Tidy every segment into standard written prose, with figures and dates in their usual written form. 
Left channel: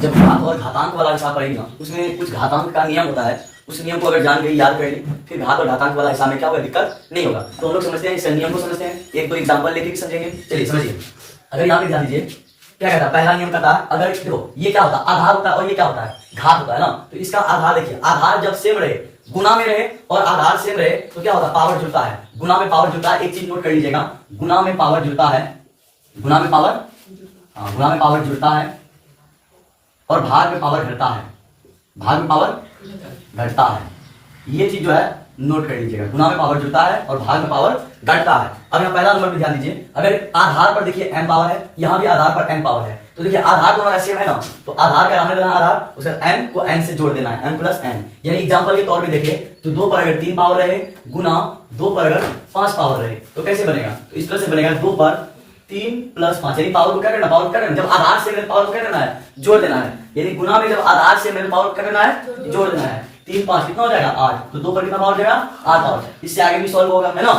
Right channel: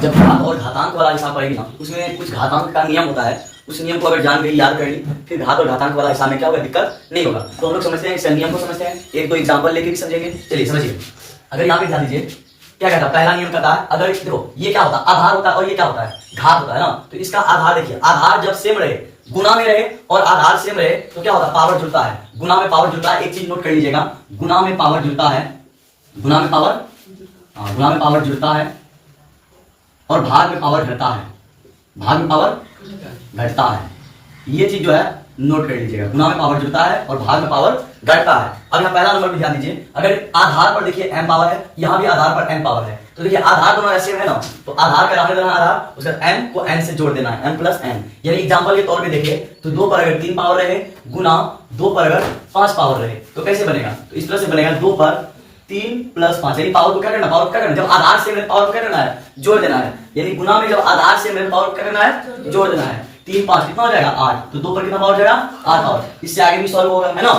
जब घात और घातांक वाला हिसाब पढ़ेगी ना, उसमें कुछ घातांक का नियम होता है, उस नियम को अगर जान गई, याद कर ली, फिर घात और घातांक वाला हिसाब में क्या होगा, दिक्कत नहीं होगा। तो हम लोग समझते हैं, इस नियम को समझते हैं, एक दो एग्जांपल लेके भी समझेंगे। चलिए समझिए, अगर यहाँ पे ध्यान दीजिए क्या कहता है, पहला नियम कहता है, अगर देखो ये क्या होता है, आधार होता है और ये क्या होता है, घात होता है ना। तो इसका आधार देखिए, आधार जब सेम रहे, गुना में रहे और आधार सेम रहे तो क्या होता है, पावर जुड़ता है। गुना में पावर जुड़ता है, एक चीज नोट कर लीजिएगा, गुना में पावर जुड़ता है, गुना में पावर जुड़ता है और भाग में पावर घटता है, भाग में पावर घटता है। ये चीज जो है नोट कर लीजिएगा, गुना में पावर जुड़ता है और भाग में पावर घटता है। अब यहाँ पहला नंबर पे ध्यान दीजिए, अगर आधार पर देखिए m पावर है, यहाँ भी आधार पर n पावर है, तो देखिए आधार दोनों ऐसे है ना, तो आधार का रहने देना आधार, उसका m को n से जोड़ देना है, m प्लस n। यानी एग्जांपल के तौर पे देखिए, तो 2 पर अगर 3 पावर रहे गुना 2 पर अगर 5 पावर रहे तो कैसे बनेगा, तो इस तरह से बनेगा, 2 पर 3 प्लस 5। यानी पावर को क्या करना, पावर को क्या करना, जब आधार से मेरे पावर को क्या करना है, जोड़ देना है। यानी गुना में जब आधार से मेरे पावर को क्या करना है, जोड़ देना है। 3 5 कितना हो जाएगा, 8। तो 2 पर कितना पावर हो जाएगा, 8 पावर। इससे आगे भी सॉल्व होगा, है ना।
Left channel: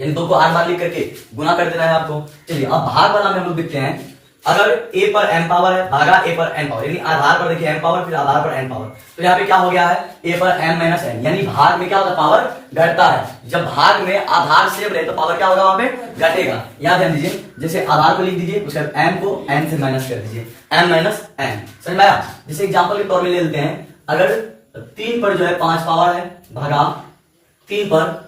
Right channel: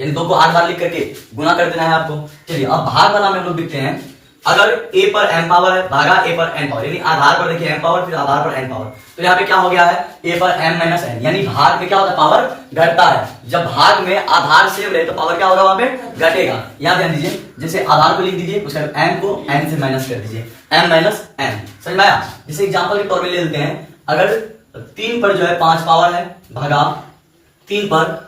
यानी 2 को 8 बार लिख करके गुना कर देना है आपको। चलिए अब भाग वाला में हम लोग देखते हैं, अगर a पर m पावर है भागा a पर n पावर, यानी आधार पर देखिए m पावर फिर आधार पर n पावर, तो यहाँ पे क्या हो गया है, a पर m माइनस n, यानी भाग में क्या होता है, पावर घटता है। जब भाग में आधार सेम रहे तो पावर क्या होगा, वहां पे घटेगा। यहाँ ध्यान दीजिए, जैसे आधार को लिख दीजिए, उसका m को n से माइनस कर दीजिए, m माइनस n, समझ में आया। जैसे एग्जाम्पल के तौर पर ले लेते हैं, अगर 3 पर जो है 5 पावर है भागा 3 पर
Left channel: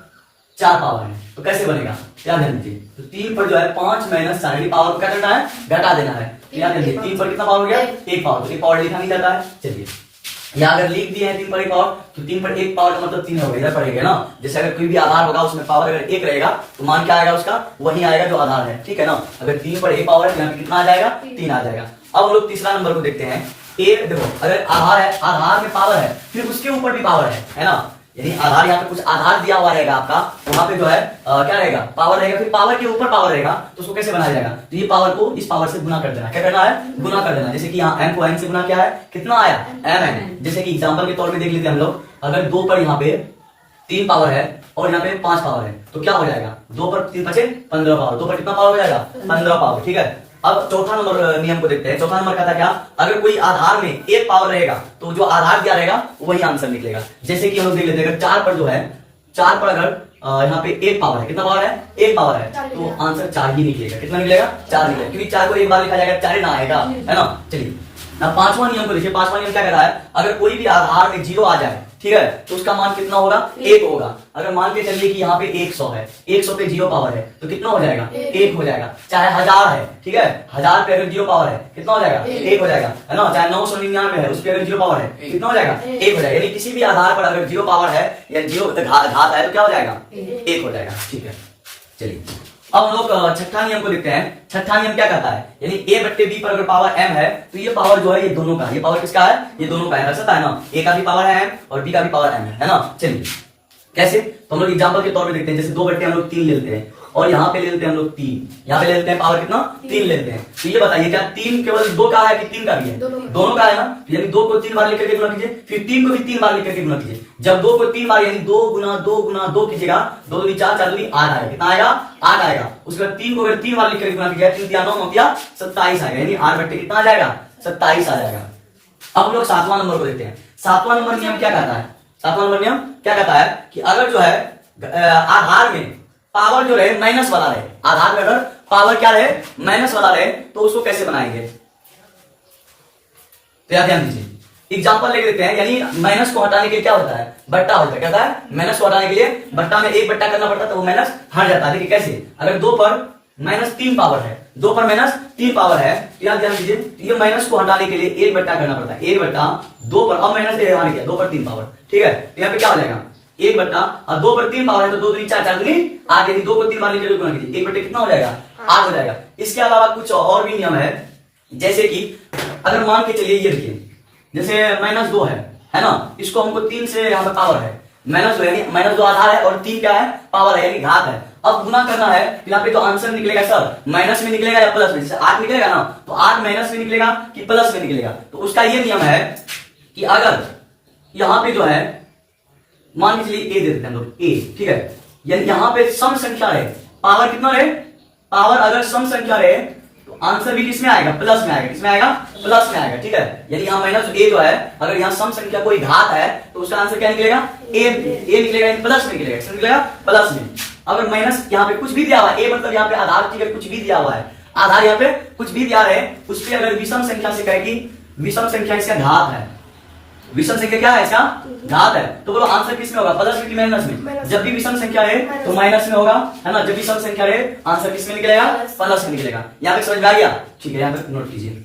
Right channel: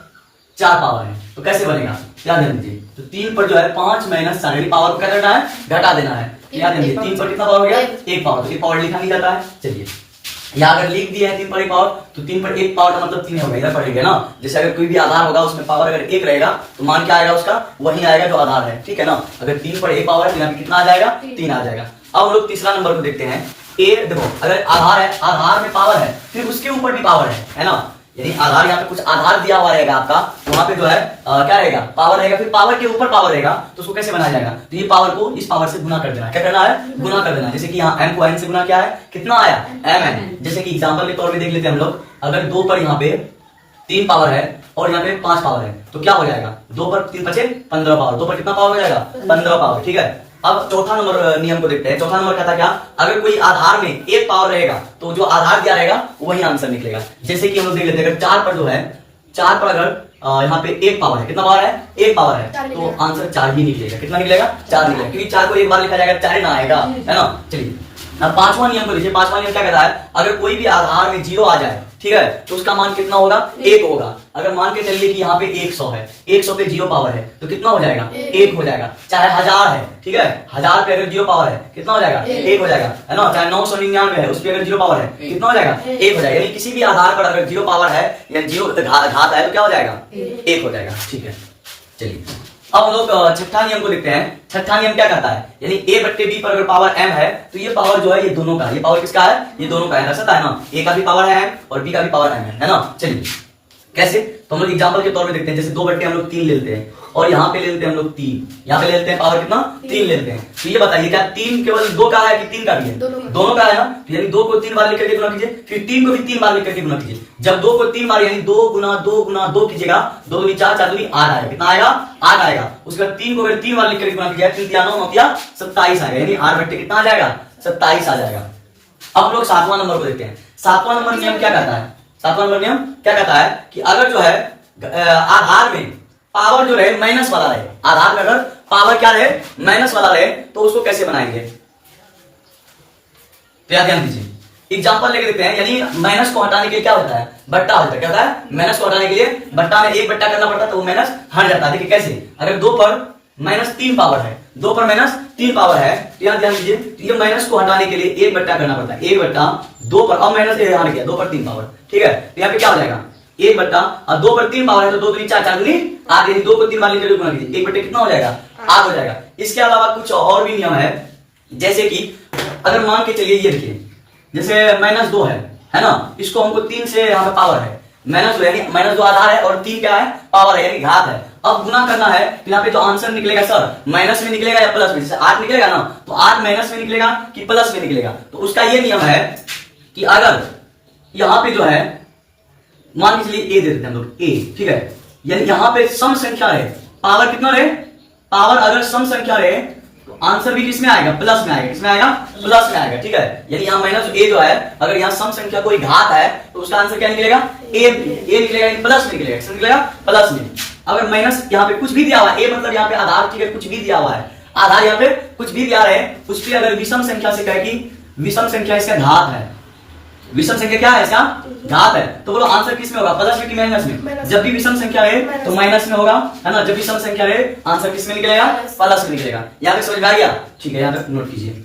4 पावर है, तो कैसे बनेगा, क्या ध्यान दीजिए, तो 3 पर जो है 5 माइनस 4 पावर को क्या करना है, घटा देना है। क्या ध्यान दीजिए, 3 पर कितना पावर हो गया, 1 पावर, तो 1 पावर लिखा नहीं जाता है। चलिए यहाँ अगर लिख दिया है 3 पर 1 पावर, तो 3 पर 1 पावर का मतलब 3 होगा, इधर पढ़ेंगे ना। जैसे अगर कोई भी आधार होगा उसमें पावर अगर 1 रहेगा तो मान क्या आएगा, उसका वही आएगा जो आधार है, ठीक है ना। अगर 3 पर 1 पावर है तो यहाँ पे कितना आ जाएगा, 3 आ जाएगा। अब हम लोग तीसरा नंबर को देखते हैं, ए देखो, अगर आधार है, आधार में पावर है, फिर उसके ऊपर भी पावर है ना। यानी आधार, यहाँ पे कुछ आधार दिया हुआ रहेगा आपका, वहां पे जो है क्या रहेगा, पावर रहेगा, फिर पावर के ऊपर पावर रहेगा, तो उसको कैसे बनाया जाएगा, तो ये पावर को इस पावर से गुना कर देना है। क्या करना है, गुना कर देना। जैसे कि यहाँ m को n से गुना क्या है, कितना आया, mn। जैसे कि एग्जांपल के तौर पे देख लेते हैं हम लोग, अगर 2 पर यहाँ पे 3 पावर है और यहाँ पे 5 पावर है, तो क्या हो जाएगा, 2 पर 3 बचे 15 पावर, 2 पर कितना पावर हो जाएगा, 15 पावर, ठीक है। अब चौथा नंबर नियम को देखते हैं। चौथा नंबर कहता क्या, अगर कोई आधार में 1 पावर रहेगा तो जो आधार दिया रहेगा वही आंसर निकलेगा। जैसे कि हम लोग देख लेते हैं, अगर 4 पर जो है, 4 पर अगर यहाँ पे 1 पावर है, कितना पावर है, 1 पावर है, तो आंसर 4 ही निकलेगा। कितना निकलेगा, 4 निकलेगा, क्योंकि 4 को 1 बार लिखा जाएगा, 4 ना आएगा, है ना। चलिए अब पांचवा नियम को देखिए, पांचवा नियम क्या कहता है, अगर कोई भी आधार में 0 आ जाए, ठीक है, तो उसका मान कितना होगा, 1 होगा। अगर मान के चलिए कि यहाँ पे 100 है, 100 पे 0 पावर है, तो कितना हो जाएगा, 1 हो जाएगा। चाहे 1000 है, ठीक है, 1000 पे अगर 0 पावर है, कितना हो जाएगा, 1 हो जाएगा, है ना। चाहे 999 है, उस पे अगर 0 पावर है, कितना हो जाएगा, 1 हो जाएगा। यानी किसी भी आधार पर अगर 0 पावर है या 0 घात है तो क्या हो जाएगा, 1 हो जाएगा, ठीक है। चलिए अब हम लोग छठा नियम को देखते हैं। छठा नियम क्या कहता है, यानी a बट्टे b पर अगर पावर m है तो ये पावर जो है ये दोनों का, ये पावर किसका है, ये दोनों का है, सकता है ना। a का भी पावर है m और b का भी पावर m है ना। चलिए कैसे, तो हम लोग एग्जांपल के तौर पे देखते हैं। जैसे 2 बट्टे हम लोग 3 ले लेते हैं और यहाँ पे ले लेते हैं हम लोग 3, यहाँ पे ले लेते हैं पावर कितना, 3 ले लेते हैं। तो ये बताइए क्या 3 केवल 2 का है कि 3 का भी है, दोनों का है ना। यानी 2 को 3 बार लिख करके गुना कीजिए, फिर 3 को भी 3 बार लिख करके गुना कीजिए। जब 2 को 3 बार यानी 2 गुना 2 गुना 2 कीजिएगा, 2 दूनी 4, 4 दूनी 8 आएगा, कितना आएगा, 8 आएगा। उसके बाद 3 को अगर 3 बार लिख करके गुना कीजिएगा, 3 दिया 9 9 दिया 27 आएगा, यानी 8 बट्टे कितना आ जाएगा, 27 आ जाएगा। अब हम लोग 7वां नंबर को देखते हैं। 7वां नंबर नियम क्या कहता है, 7वां नंबर नियम क्या कहता है कि अगर जो है आधार में पावर जो रहे माइनस वाला रहे, आधार में अगर पावर क्या रहे, माइनस वाला रहे, तो उसको कैसे बनाएंगे, तो याद ध्यान दीजिए। एग्जांपल लेके देखते हैं, यानी माइनस को हटाने के लिए क्या होता है, बट्टा होता है। क्या होता है, माइनस को हटाने के लिए बट्टा में 1 बट्टा करना पड़ता है, तो वो माइनस हट जाता है। देखिए कैसे, अगर 2 पर -3 पावर है, 2 पर -3 पावर है, तो यहाँ ध्यान दीजिए, तो ये माइनस को हटाने के लिए 1 बट्टा करना पड़ता है, 1 बट्टा 2 पर, अब माइनस हट गया 2 पर 3 पावर, ठीक है। तो यहाँ पे क्या हो जाएगा, 1 बट्टा, और 2 पर 3 पावर है तो 2 दूनी 4, 4 दूनी 8, यानी 2 को 3 बार लिखकर गुना कीजिए, 1 बट्टे कितना हो जाएगा, 8 हो जाएगा। इसके अलावा कुछ और भी नियम है, जैसे कि अगर मान के चलिए ये देखिए, जैसे -2 है ना, इसको हमको 3 से यहाँ पे पावर है, -2 यानी -2 आधार है और 3 क्या है, पावर है, यानी घात है। अब गुना करना है, तो यहाँ पे जो आंसर निकलेगा सर, माइनस में निकलेगा या प्लस में, जैसे 8 निकलेगा ना, तो 8 माइनस में निकलेगा कि प्लस में निकलेगा। तो उसका ये नियम है कि अगर यहाँ पे जो है, मान के चलिए a दे देते हैं हम लोग, a, ठीक है, यानी यहाँ पे सम संख्या रहे, पावर कितना रहे, पावर अगर सम संख्या रहे तो आंसर भी किसमें आएगा, प्लस में आएगा, किसमें आएगा, प्लस में आएगा, ठीक है। यानी यहाँ माइनस ए जो है, अगर यहाँ सम संख्या कोई घात है तो उसका आंसर क्या निकलेगा, ए निकलेगा, यानी प्लस में निकलेगा, किसमें निकलेगा, प्लस में। अगर माइनस यहाँ पे कुछ भी दिया हुआ है, ए मतलब यहाँ पे आधार, ठीक है, कुछ भी दिया हुआ है, आधार यहाँ पे कुछ भी दिया है, उस पर अगर विषम संख्या से कहे कि विषम संख्या इसका घात है, विषम संख्या क्या है, इसका घात है, तो बोलो आंसर किसमें होगा, प्लस में कि माइनस में। जब भी विषम संख्या है तो माइनस में होगा, है ना। जब विषम संख्या है आंसर किसमें निकलेगा, प्लस में निकलेगा। यहाँ तक समझ में आ गया, ठीक है, यहाँ तक नोट कीजिए।